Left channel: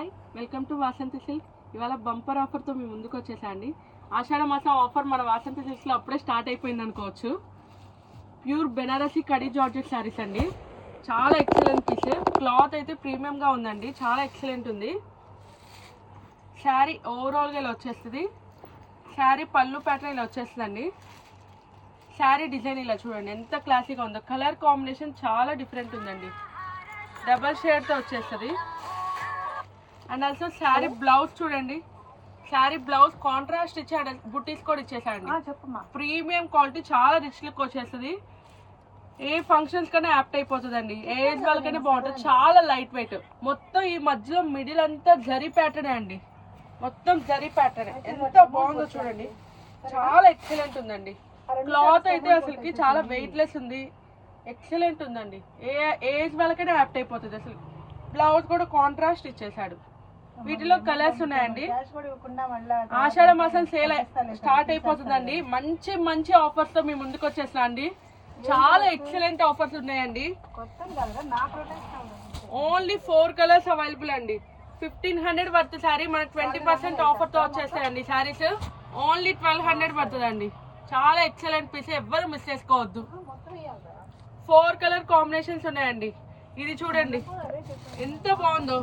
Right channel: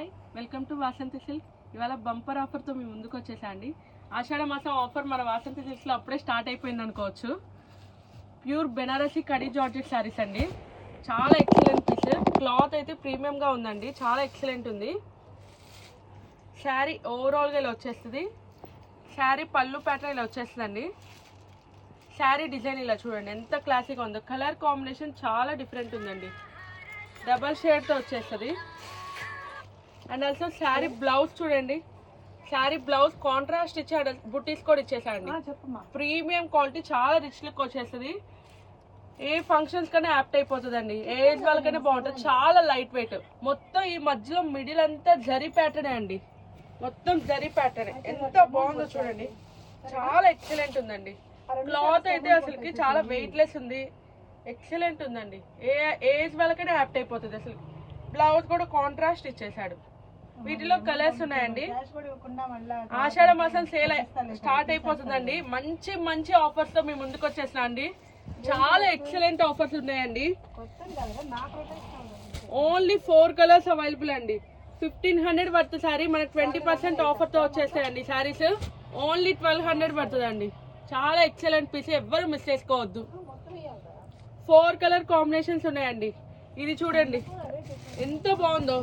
Hi, welcome to Vasanthi silk. ఇవాళ bumper ఆఫర్తో మీ ముందుకు వచ్చేసండి. ఆషాఢ మాసం ఆఫర్ మన వాసంతి సిల్క్స్లో అప్పుడే స్టార్ట్ అయిపోయింది అనుకోవచ్చు. ప్యూర్ బెనారసీ కడీ జార్జెట్ శారీస్ అండి. చాలా ఎక్సలెంట్ పీస్. క్లాత్ అయితే ప్రీమియంగా ఉందండి, చాలా ఎక్సలెంట్ ఉంది. శారీ ఓవరాల్గా ఇలా వచ్చేస్తుంది. శారీ పళ్ళు ప్యాటర్న్ ఇలా వచ్చేస్తుందండి. శారీ డిజైన్ ఇలా చూడండి ఎంత క్లాసీగా ఉందో. కలర్ కాంబినేషన్ చాలా డిఫరెంట్ ఉందండి. డబల్ షేడ్తో వచ్చేస్తుంది. అండ్ ఆల్సో శారీ బ్లౌజ్ చూడండి. శారీ బ్లౌజ్ కాంట్రాస్ట్ ఇచ్చాడు, బుట్టీస్ కూడా ఇచ్చేసాడండి. ప్రీమియం క్వాలిటీ, చాలా రిచ్ లుక్ వచ్చేస్తుంది. ఏ ఫంక్షన్స్ కన్నా యాప్ట్ అయిపోతుందండి. ఏ ఏజ్ వాళ్ళకైనా బాగుంటుంది. చాలా లైట్ వెయిట్. మొత్తం ఈ మధ్యలో మిడిల్ అంతా జరీ ప్యాటర్నే అండి. మొత్తం జరీ ప్యాటర్న్. ఎంత బాగుందో చూడండి. చాలా ఎక్సలెంట్ ఉందండి. క్లాత్ అయితే అసలుకి చాలా వెయిట్ లెస్ ఉంది. ఎక్సలెంట్ ఉందండి. ఏ ఏజ్ వాళ్ళకైనా యాప్ట్ అయిపోతుంది. అసలు బ్లౌజ్ కూడా కాంట్రాస్ట్ ఇచ్చేసాడు. వీటిలో కలర్స్ ఉన్నాయండి. ఆషాఢ మాసం సేల్ స్టార్ట్ అయిపోతుందండి. మంచి మంచి ఆఫర్స్ తో మీ ముందుకు వచ్చేసిన అండి. చాలా ఎక్సలెంట్ ఆఫర్స్ ఉన్నాయండి. ఓన్లీ 4 కలర్స్ అవైలబుల్ అండి. 1500 వర్త్ శారీ మనకు 20% ఆఫర్ తో వచ్చేస్తాయండి. శారీస్ ఓన్లీ 1200 పడుతుందండి. చాలా ఎక్సలెంట్ పీస్, ఎవ్వరు మిస్ చేసుకోవద్దు. 4 కలర్ కాంబినేషన్స్ ఉన్నాయండి. ఇది చూడండి ఎంత బాగుందో.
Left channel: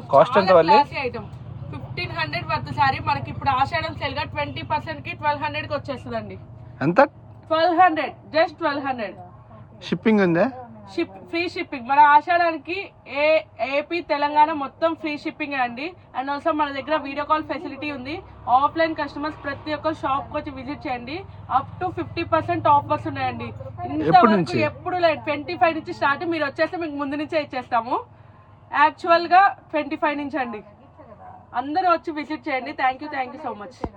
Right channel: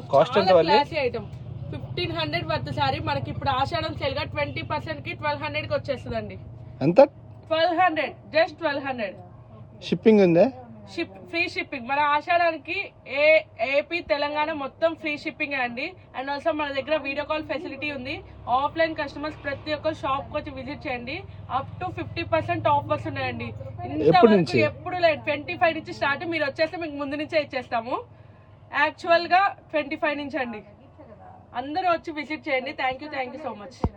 Classy item. 1500 వర్త్ సారీ మనకి ఇప్పుడు ఆషాఢం సేల్ గా 20% కి 1200 కి వచ్చేస్తుందండి. ఎంత? 1200, జస్ట్ 1200. షిప్పింగ్ ఉందా? Free shipping. మన ఆషాఢానికి ఏపీ తెలంగాణ మొత్తం ఫ్రీ షిప్పింగ్ అండి. అండ్ ఆల్సో మన దగ్గర వీడియో కాల్ ఫెసిలిటీ ఉంది. ఆఫ్లైన్ కస్టమర్స్ ప్రతి ఒక్కరు షాప్ వచ్చి విజిట్ చేయండి. అప్ టు 50% ఆఫర్స్ ఉన్నాయండి. ఇంతవరకు ఎప్పుడు లేదు. 25 నుంచి స్టార్ట్. మీరు వచ్చేస్తే మీకు ముందు నుంచే ఇచ్చేస్తాము. యాక్చువల్ గా 25 నుంచి అండి. అందరూ వచ్చి విజిట్ చేయండి. Thank you so much.